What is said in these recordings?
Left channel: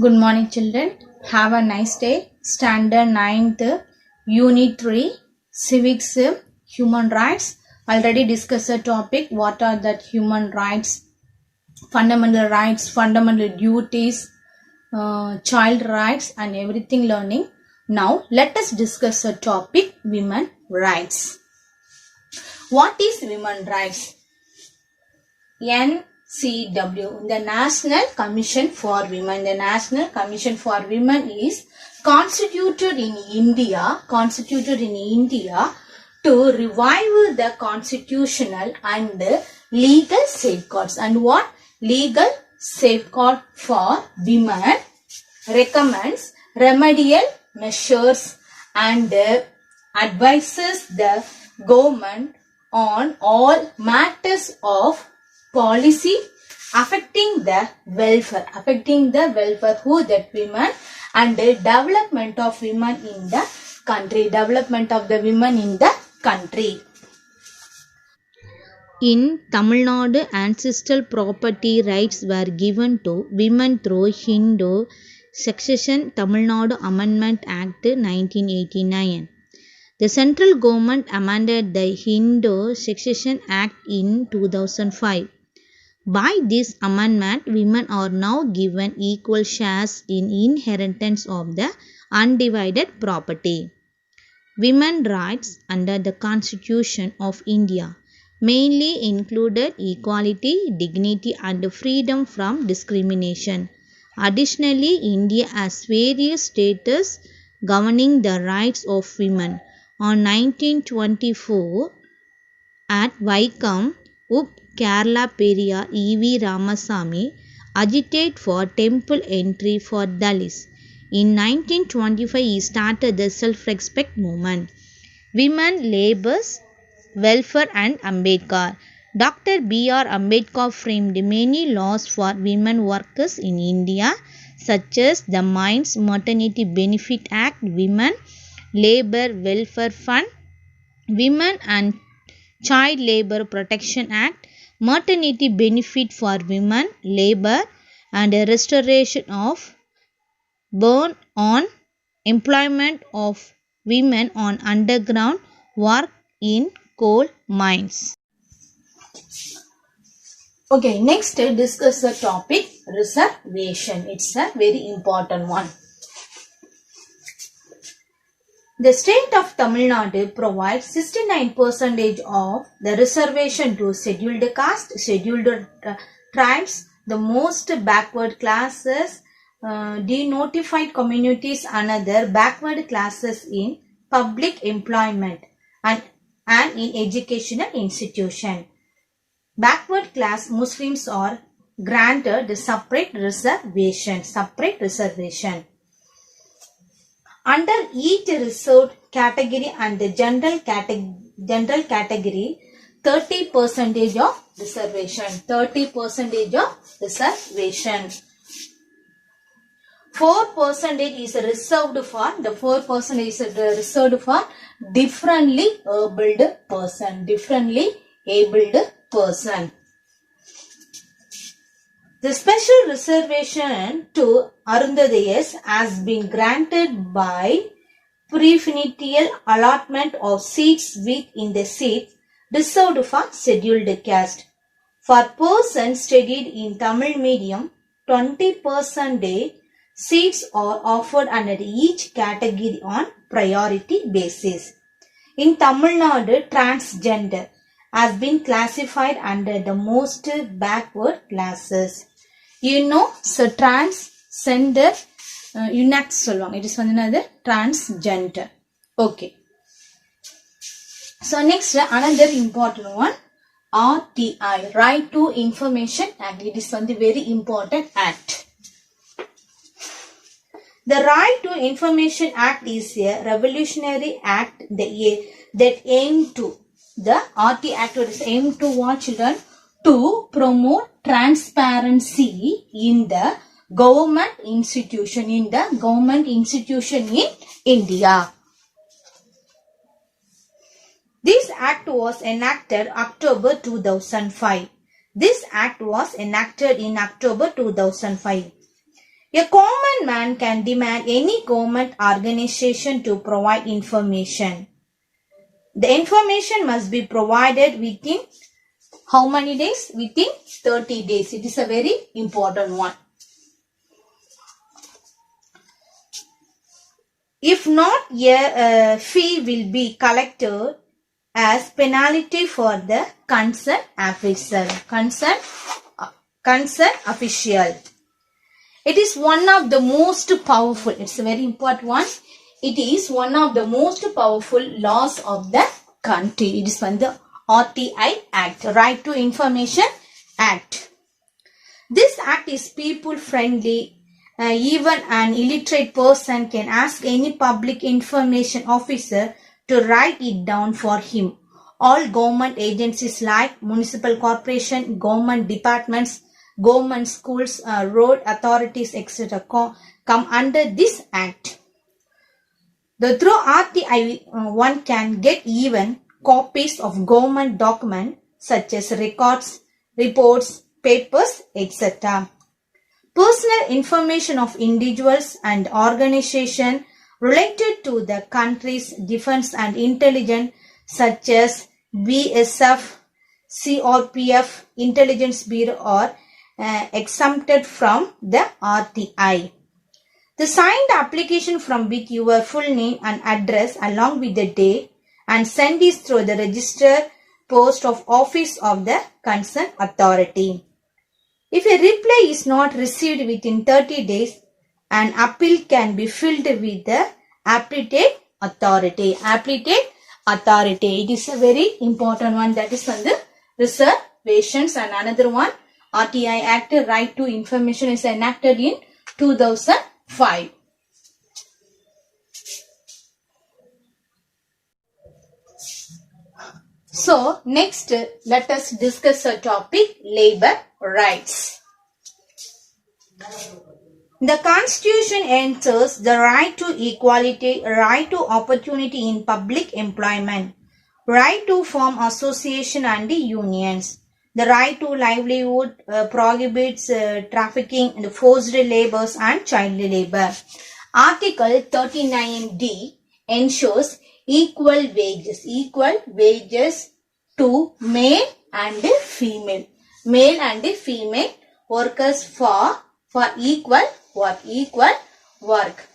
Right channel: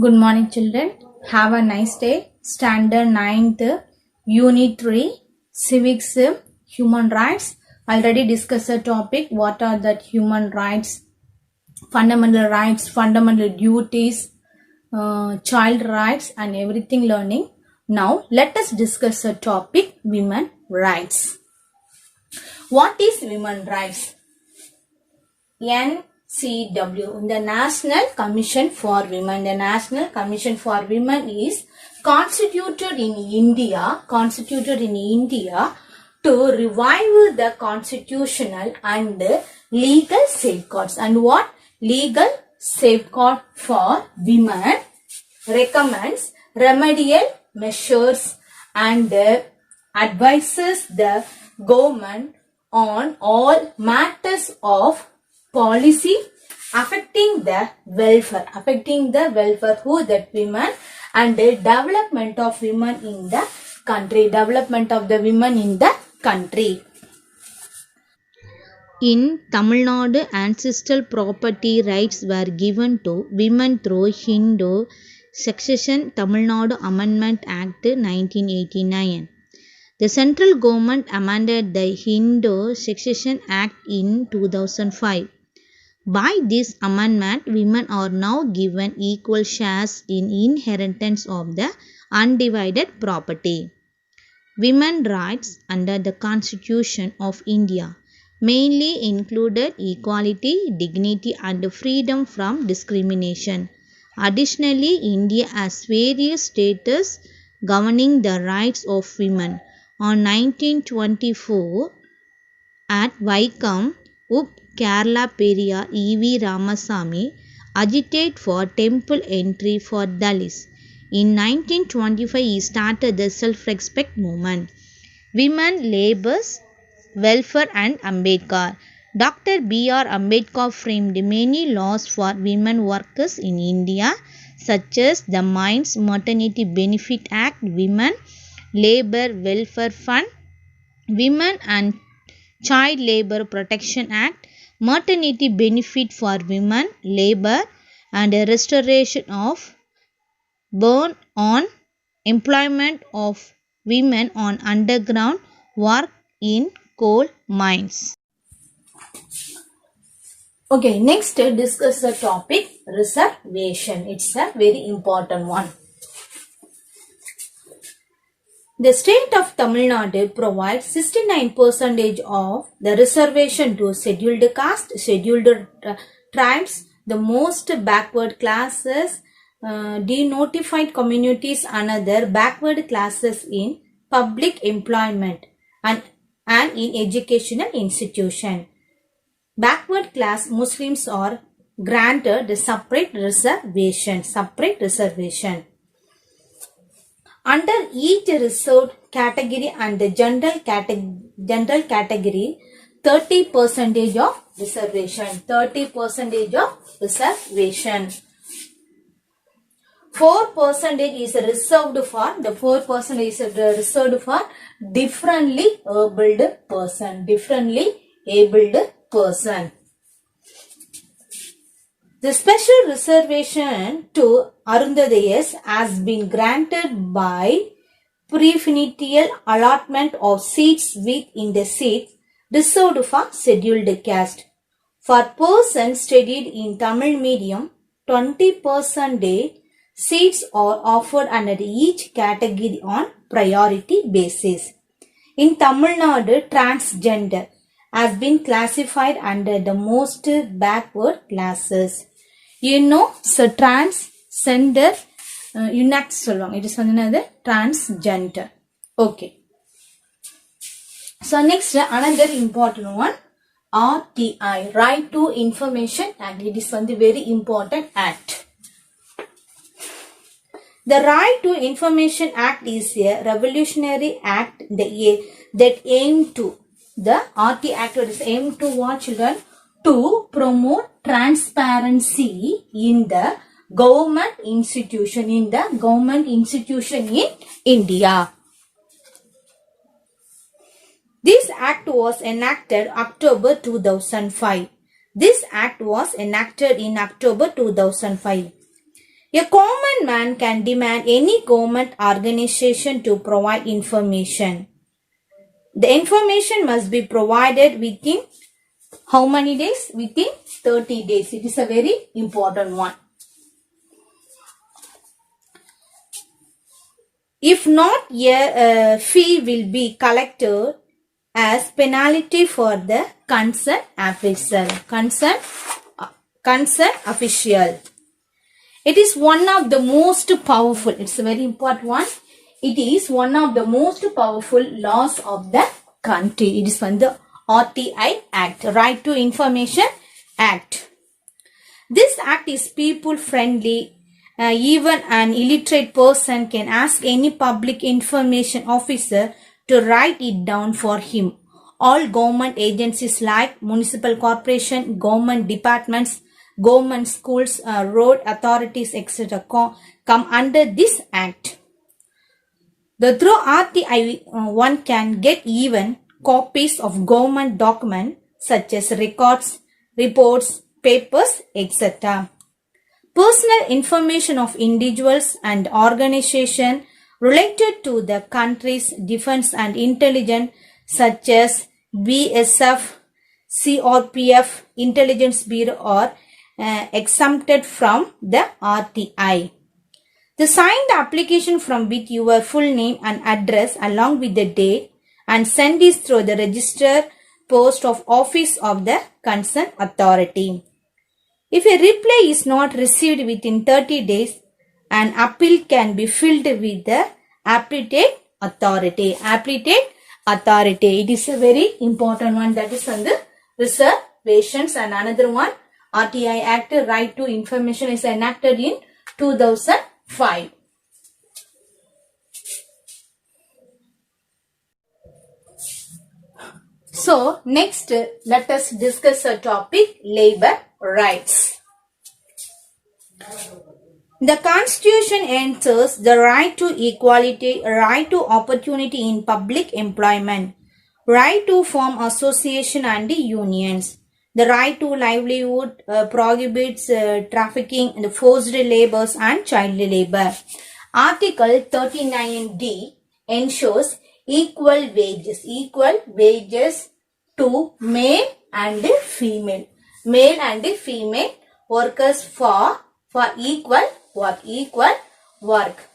Good morning, children. Have a nice day. Standard 9th, Unit 3, Civics, Human Rights. Already discussed the topic. What are the human rights, fundamental duties, child rights, and everything learning. Now, let us discuss the topic women rights. What is women rights? NCW, the National Commission for Women. The National Commission for Women is constituted in India to revive the constitutional and legal safeguards. And what? Legal safeguard for women, recommends remedial measures and advises the government on all matters of policy affecting the welfare who that women and the development of women in the country. In Tamil Nadu, ancestral property rights were given to women through Hindu Succession Tamil Nadu Amendment Act 1989. The central government amended the Hindu Succession Act in 2005. By this amendment, women are now given equal shares in inheritance of the undivided property. Women's rights under the Constitution of India mainly included equality, dignity, and freedom from discrimination. Additionally, India has various statutes governing the rights of women. On 1924, at Vaikam, Up Kerala Periyar E.V. Ramasamy agitated for temple entry for Dalits. In 1925, he started the self-respect movement. Women, Labour's Welfare and Ambedkar. Dr. B.R. Ambedkar framed many laws for women workers in India, such as the Mines Maternity Benefit Act, Women Labour Welfare Fund, Women and Child Labour Protection Act, Maternity Benefit for Women, Labour, and a restoration of ban on employment of women on underground work in coal mines. Okay, next discuss the topic reservation. It's a very important one. The state of Tamil Nadu provides 69% of the reservation to scheduled caste, scheduled tribes, the most backward classes, denotified communities, and other backward classes in public employment and in educational institution. Backward class Muslims are granted the separate reservation. Under each reserved category and the general category, 30% of reservation. 4% is reserved for differently abled person. The special reservation to Arundhadayas has been granted by preferential allotment of seats within the seats reserved for scheduled caste. For persons studied in Tamil medium, 20% seats are offered under each category on priority basis. In Tamil Nadu, transgender has been classified under the most backward classes. So transgender UNAC சொல்லுவாங்க. It is another transgender. Okay. So next, another important one, RTI, Right to Information Act. It is one very important act. The Right to Information Act is a revolutionary act that aimed to, the RT Act is aimed to what, children? To promote transparency in the government institution in India. This act was enacted October 2005. A common man can demand any government organization to provide information. The information must be provided within how many days? Within 30 days. It is a very important one. If not, a fee will be collected as penalty for the concerned official. Concerned official. It is one of the most powerful. It's a very important one. It is one of the most powerful laws of the country. It is from the RTI Act, Right to Information Act. This act is people friendly. Even an illiterate person can ask any public information officer to write it down for him. All government agencies like municipal corporation, government departments, government schools, road authorities, etc. come under this act. Through RTI, one can get even copies of government documents such as records, reports, papers, etc. Personal information of individuals and organizations related to the country's defense and intelligence such as BSF, CRPF, Intelligence Bureau are exempted from the RTI. The signed application from with your full name and address along with the date and send is through the registered post of office of the concerned authority. If a reply is not received within 30 days, an appeal can be filed with the appellate authority. Appellate authority. It is a very important one, that is on the reservations. And another one, RTI Act, Right to Information, is enacted in 2005. So, next let us discuss a topic, labor rights. The Constitution ensures the right to equality, right to opportunity in public employment, right to form association and unions. The right to livelihood prohibits trafficking in forced labors and child labor. Article 39D ensures equal wages to male and female workers for equal work,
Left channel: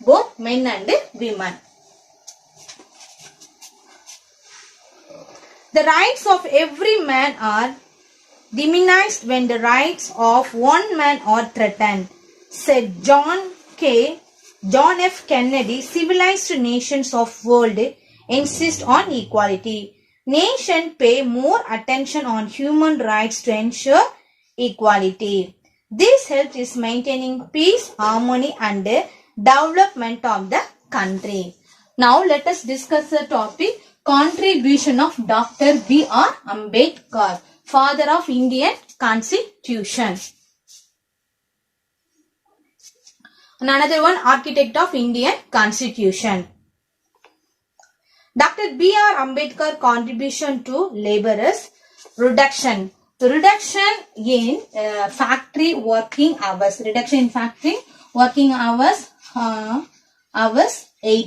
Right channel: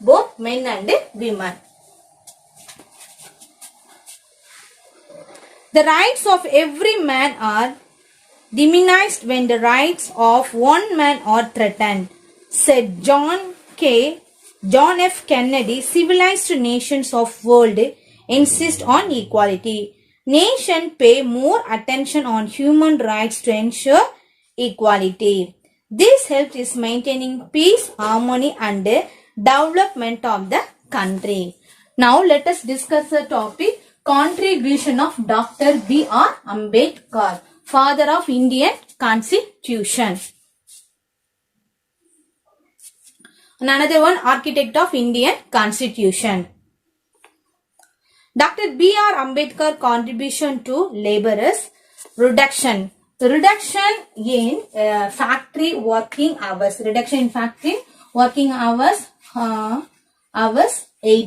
both men and women. The rights of every man are diminished when the rights of one man are threatened, said John F. Kennedy. Civilized nations of world insist on equality. Nations pay more attention on human rights to ensure equality. This helps in maintaining peace, harmony and development of the country. Now let us discuss the topic, contribution of Dr. B.R. Ambedkar, father of Indian Constitution. And another one, architect of Indian Constitution. Dr. B.R. Ambedkar contribution to laborers, reduction in factory working hours. Reduction in factory working hours, 8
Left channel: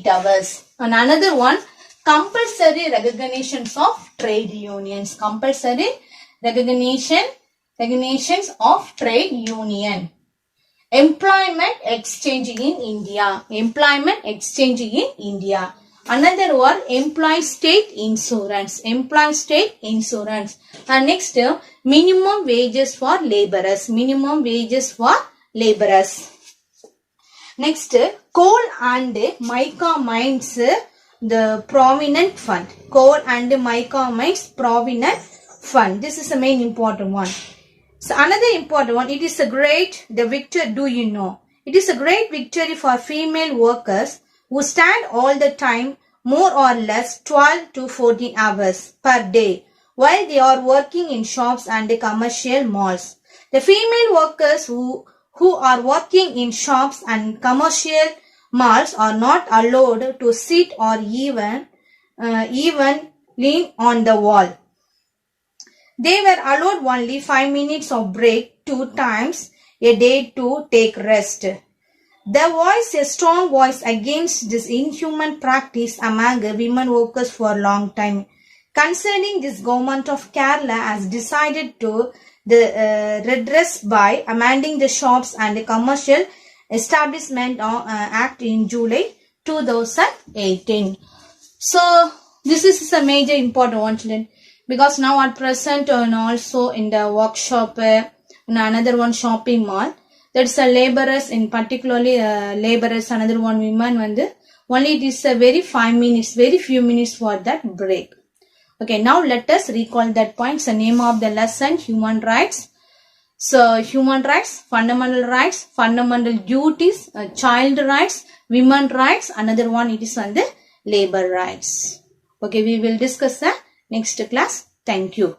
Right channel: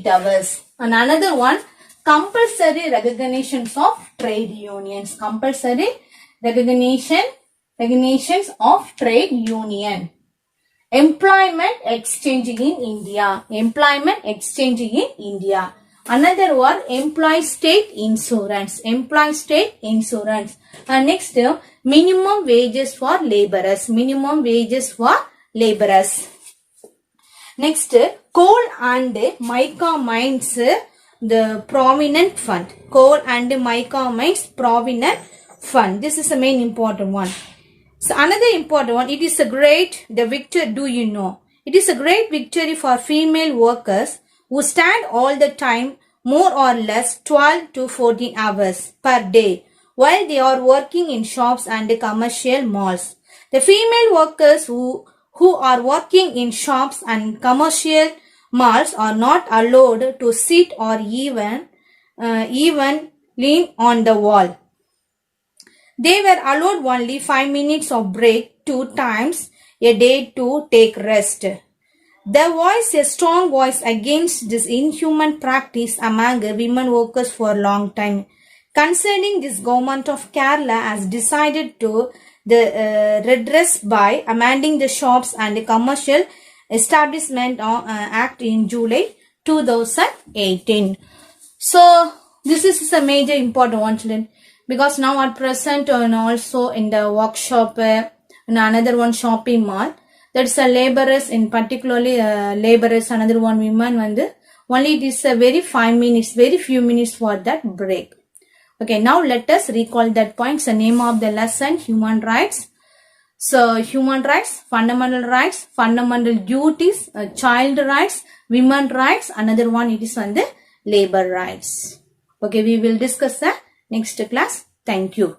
hours. And another one, compulsory recognitions of trade unions. Compulsory recognitions of trade union. Employment exchange in India. Employment exchange in India. Another one, employee state insurance. Employee state insurance. And next, minimum wages for laborers. Minimum wages for laborers. Next, coal and mica mines, the provident fund. Coal and mica mines provident fund. This is the main important one. So another important one, it is a great, the victory, do you know? It is a great victory for female workers who stand all the time, more or less 12 to 14 hours per day, while they are working in shops and commercial malls. The female workers who are working in shops and commercial malls are not allowed to sit or even lean on the wall. They were allowed only 5 minutes of break 2 times a day to take rest. There was a strong voice against this inhuman practice among women workers for a long time. Concerning this, government of Kerala has decided to redress by amending the Shops and Commercial Establishment Act in July 2018. So this is a major important one, children, because now at present and also in the workshop and another one shopping mall, that's a laborers, in particularly laborers, another one women, only it is a very 5 minutes, very few minutes for that break. Okay, now let us recall that points. The name of the lesson, human rights. So human rights, fundamental duties, child rights, women rights, another one it is on the labor rights. Okay, we will discuss the next class. Thank you.